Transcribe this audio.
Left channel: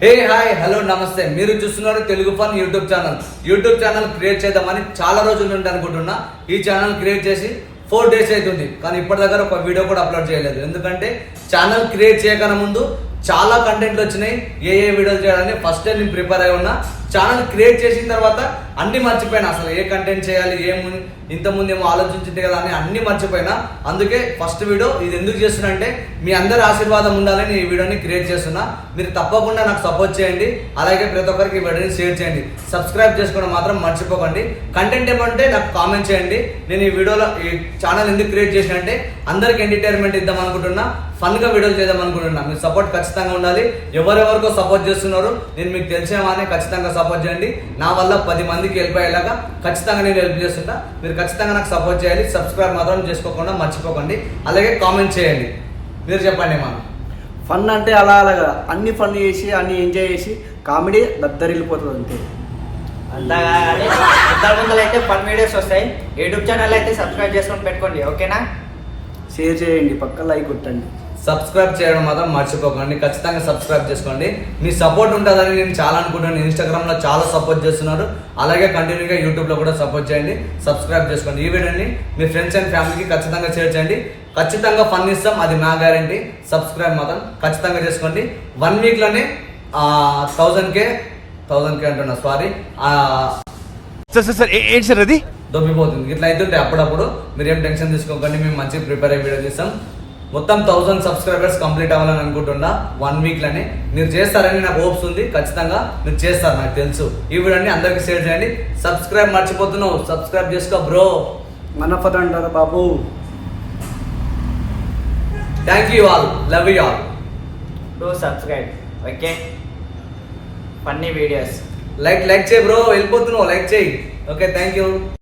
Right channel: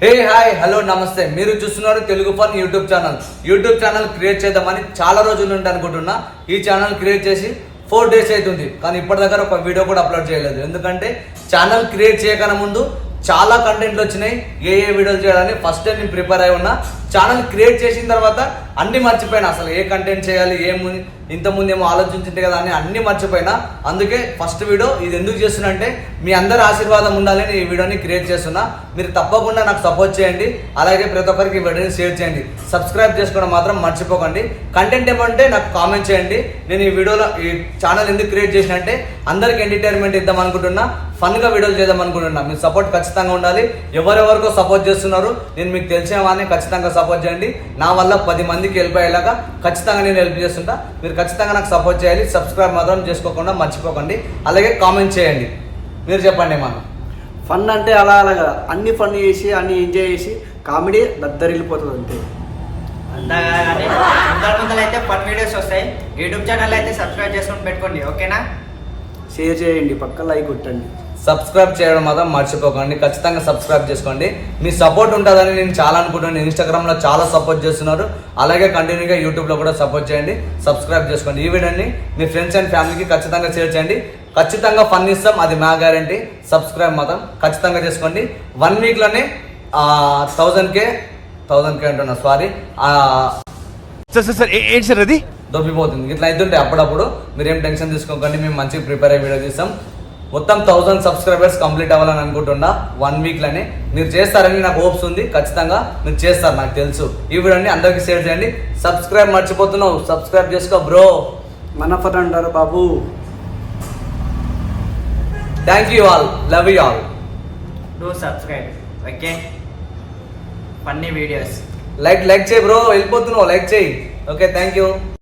Hey hi hello నమస్తే. మీరు చూస్తున్నారు Telugu fun YouTube channel create చేద్దామని చాలా రోజుల నుండి అనుకుంటున్నా. ఈ ఛానల్ క్రియేట్ చేసి 4 days అవుతుంది, కానీ ఇప్పటి దగ్గర ఒక వీడియో కూడా అప్లోడ్ చేయలేదు. ఎందుకంటే ఛానల్ క్రియేట్ చేయకన్నా ముందు చాలా కంటెంట్లు వచ్చినాయి. ఏ వీడియోలు చేయాలని ఫస్ట్ నేను ప్రిపేర్ అయి ఉన్నా. ఛానల్ క్రియేట్ చేసిన తర్వాత అన్ని మర్చిపోయినా, అసలు ఏ కంటెంట్ చేయాలి, ఇంతకుముందు ఏమో ఆలోచించింది కదా అని అన్ని మర్చిపోయినా. అందుకే ఫస్ట్ వీడియో ఇది ఎందుకు చేస్తున్నా అంటే మీ అందరి ఆశీర్వాదం ఉండాలని ఈ వీడియోని క్రియేట్ చేస్తున్నా. మీరు తప్పకుండా నాకు సపోర్ట్ చేయండి, అలాగే ప్రతి ఒక్కరికి వీడియోని షేర్ చేయండి, సబ్స్క్రైబ్ చేసుకోవడం మాత్రం మర్చిపోకండి. కంటెంట్ ఏమంటే నాకు కామెంట్ చేయండి. నేను ఈ వీడియోలో ఈ ఛానల్ ఎందుకు క్రియేట్ చేసిన అంటే అందరికి ఎంటర్టైన్మెంట్ ఇద్దాం అనుకుంటున్నా, ఫన్గా వీడియోలు చేద్దాం అనుకుంటున్నా. మీ సపోర్ట్ ఖచ్చితంగా ఉండాలి. ఎవరెవరికో సపోర్ట్ చేస్తున్నారు, నేను మీకు తెలిసిన వాడిని ఖచ్చితంగా సపోర్ట్ చేయండి. నా వల్ల 10 మందికి హెల్ప్ అయ్యేలాగా ఖచ్చితంగా నేను హెల్ప్ చేస్తుంటా. మీరు ఖచ్చితంగా నాకు సపోర్ట్ చేయాలి. సబ్స్క్రైబ్ మాత్రం చేసుకోకుండా మర్చిపోకండి, అలాగే కామెంట్ చేయండి. మీరు చెప్పండి ఏమన్నా. ఫన్ అంటే అలా కదా, అన్ని ఫన్ చేసి అన్ని ఎంజాయ్ చేసి కామెడీ దద్దరిల్లిపోతుంది అంతే. ముందర అయితే ఫన్ వీడియోస్ వస్తాయి. యూట్యూబ్ ఛానల్ అయితే సబ్స్క్రైబ్ చేసుకొని పెట్టుకోండి, ఓకేనా? షేర్ చేయండి, పక్క లైక్ కొట్టండి. సబ్స్క్రైబ్ చేయడం మాత్రం మర్చిపోకండి, ఖచ్చితంగా సబ్స్క్రైబ్ చేసుకోండి. మీ సపోర్ట్ ఉంటుందని నేను చాలా అనుకుంటున్నాను. ఇన్స్టాగ్రామ్లో చాలా సపోర్ట్ చేస్తున్నారు, అలాగే కంటిన్యూగా యూట్యూబ్లో కూడా సపోర్ట్ చేయండి. సబ్స్క్రైబ్ చేసుకోండి. ఈ వీడియోని మీ ఫ్రెండ్స్ అండ్ ఫ్యామిలీకి ఖచ్చితంగా షేర్ చేయండి. ఖచ్చితంగా ఫన్ ఇస్తాం, అది మా గ్యారంటీ. సబ్స్క్రైబ్ మాత్రం ఖచ్చితంగా చేసుకోండి. 1 weekలోనే 1000K అంటున్నా, సారీ, సార్ ఏంటి సార్ అది దొబ్బిపోతుంది. ఇట్లా అవుతుంటే అప్పుడప్పుడు మీరేం టెన్షన్ తీసుకోకండి, మేము మంచిగా ప్రిపేర్ అయ్యే వీడియో తీస్తాం. మొత్తం 1000 సబ్స్క్రైబర్స్ కంప్లీట్ అవ్వాలని అనుకుంటున్నా 1 weekలోనే. మీరు చేస్తారని నాకు హోప్స్ ఉంది, ఖచ్చితంగా మీరు చేస్తారు, నాకు తెలుసు. ఈ వీడియోని అందరికీ షేర్ చేయండి. సబ్స్క్రైబ్ మర్చిపోతున్నావు, సబ్స్క్రైబ్ చేసుకో బ్రో. మన ఫన్ అంటారు బాబు. Thank you all, love you all. Do subscribe, okay? Funny videos like చేయి బ్రో, వెళ్ళిపోతున్నావు, లైక్ చేయి. Okay, thank you.